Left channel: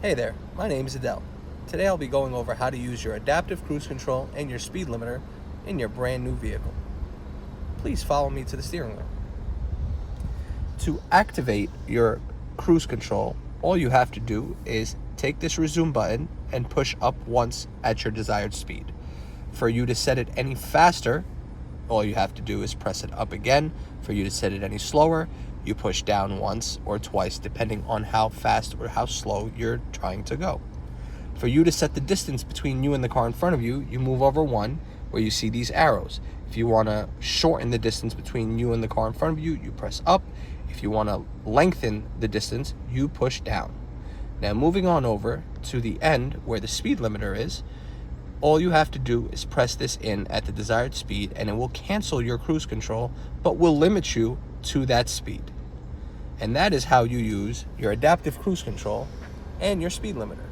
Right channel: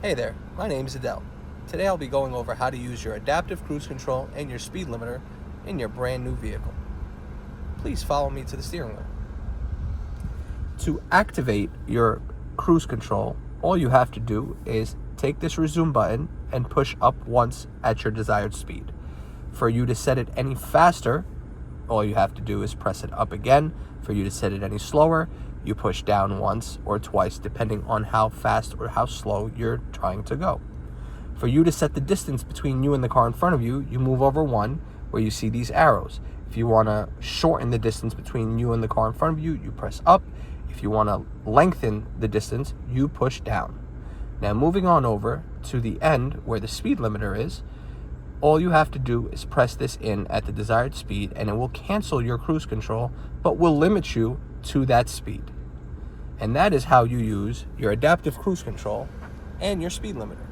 Hey there, my name is Adel. Today I'll be going over how to use your adaptive cruise control and your speed limiter in your brand new vehicle. Please follow me to the steering wheel. To activate your cruise control, all you have to do is take this resume button and push up once at your desired speed. For you to set it any faster, all you have to do is press it up again. For you to set it any slower, you push down once or twice depending on how fast or how slow you're trying to go. For you to set the distance between you and the car in front of you, you move over one where you see these arrows. If you want to shorten the distance between you and the car in front of you, you press up. If you want to lengthen the distance, you push down. Now moving on over to the end where the speed limiter is, all you have to do is press this in at the desired speed and it will cancel your cruise control, but will limit you to that speed. And that is how you use your adaptive cruise control and your speed limiter.